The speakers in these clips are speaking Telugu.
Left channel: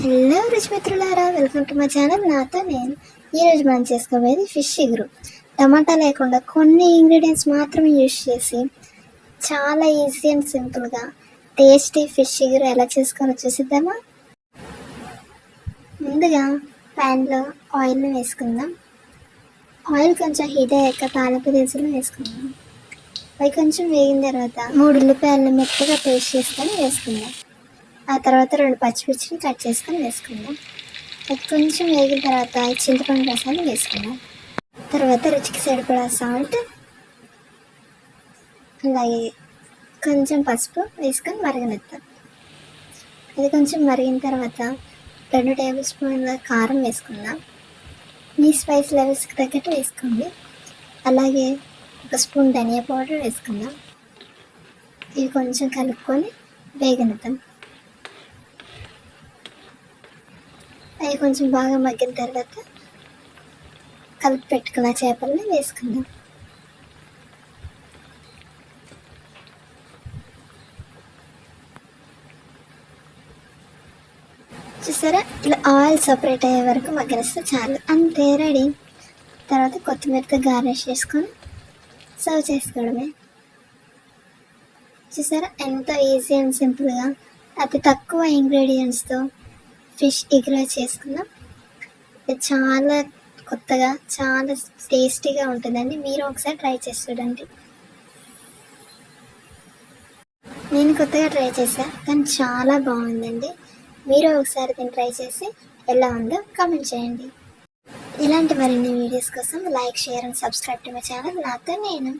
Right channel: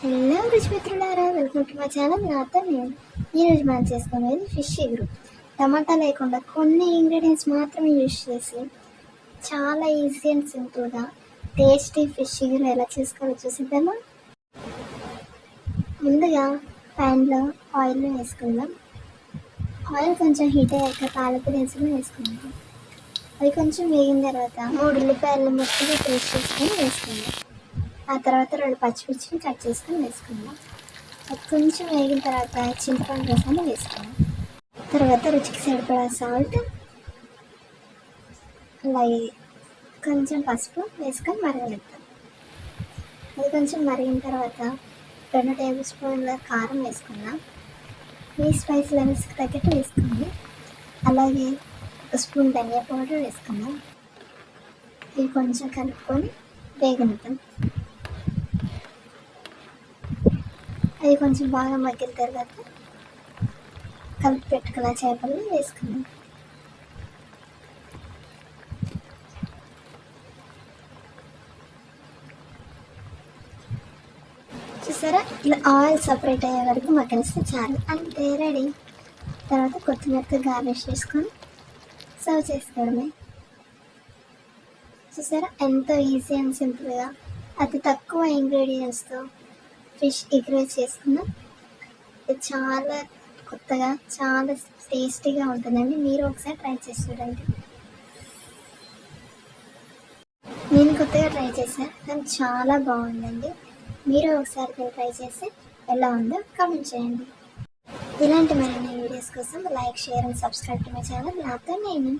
హలో రుచి మిత్రులారా, వెల్కమ్ టు మై ఛానల్. నాతో నేను. ఈరోజు మనం చేసుకోబోయేది ఫిష్ ఎగురు. టమాటా లేకుండా కొన్ని ఇంగ్రీడియంట్స్ మాత్రమే యూజ్ చేసి చాలా ఈజీ అండ్ సింపుల్గా టేస్టీ ఫిష్ ఎగురు ఎలా చేసుకోవాలో చూసిద్దామా. ముందుగా ప్యాన్లో ఆయిల్ వేసుకుందాం. ఆయిల్ కొంచెం హీట్ అయ్యాక తాలింపు దినుసులు వేసుకుందాం. అవి కొంచెం వేగిన తర్వాత 3 ఉల్లిపాయలను మెత్తగా పేస్ట్ చేసుకొని వేసుకుందాం. ఆ తర్వాత 2 పచ్చిమిర్చిని కట్ చేసుకొని వేసుకుందాం. అది కొంచెం వేగిన తర్వాత చింతపండు రసాన్ని వేసుకుందాం. తర్వాత రుచికి సరిపడా సాల్ట్, అలాగే కొంచెం పసుపు వేసుకొని మరగనిద్దాం. అది కొంచెం మరిగిన తర్వాత 2 టేబుల్ స్పూన్ల కారం వేసుకుందాం. మీ స్పైస్ లెవెల్స్కి తగ్గట్టు వేసుకోండి. అలాగే 1 స్పూన్ ధనియా పౌడర్ వేసుకుందాం. ఇవి కొంచెం కలుపుకొని వేగనిద్దాం. అవి కొంచెం బాగా మగ్గిన తర్వాత కలిపి పెట్టుకున్న చేపల్ని వేసుకుందాం. చూసారా, ఇలా ఆయిల్ సపరేట్ అయ్యే వరకు మగ్గనిస్తే చాలు, అంతే, రెడీ. తర్వాత కొత్తిమీరతో గార్నిష్ చేసుకొని సర్వ్ చేసుకోవడమే. చూసారా, ఎంతో ఈజీ అండ్ సింపుల్గా అతి తక్కువ ఇంగ్రీడియంట్స్తో ఫిష్ ఎగురు చేసుకుందాం. ఇది చాలా కొత్తగా, చాలా టేస్టీగా ఉంటుందండి. మీరు ఒకసారి ట్రై చేసి చూడండి. నేను కొత్తగా ట్రై చేశాను, కానీ చాలా బాగుందండి. మీరు ఒకసారి దీన్ని ట్రై చేసి ఎలా ఉందో కామెంట్ చేయండి. ఇలాంటి మరిన్ని వీడియోస్ కోసం like, share and subscribe to my channel. నాతో నేను.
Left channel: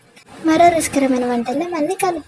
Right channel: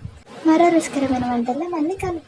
మరో రుచికరమైన వంటల్లో మళ్ళీ కలుద్దాం.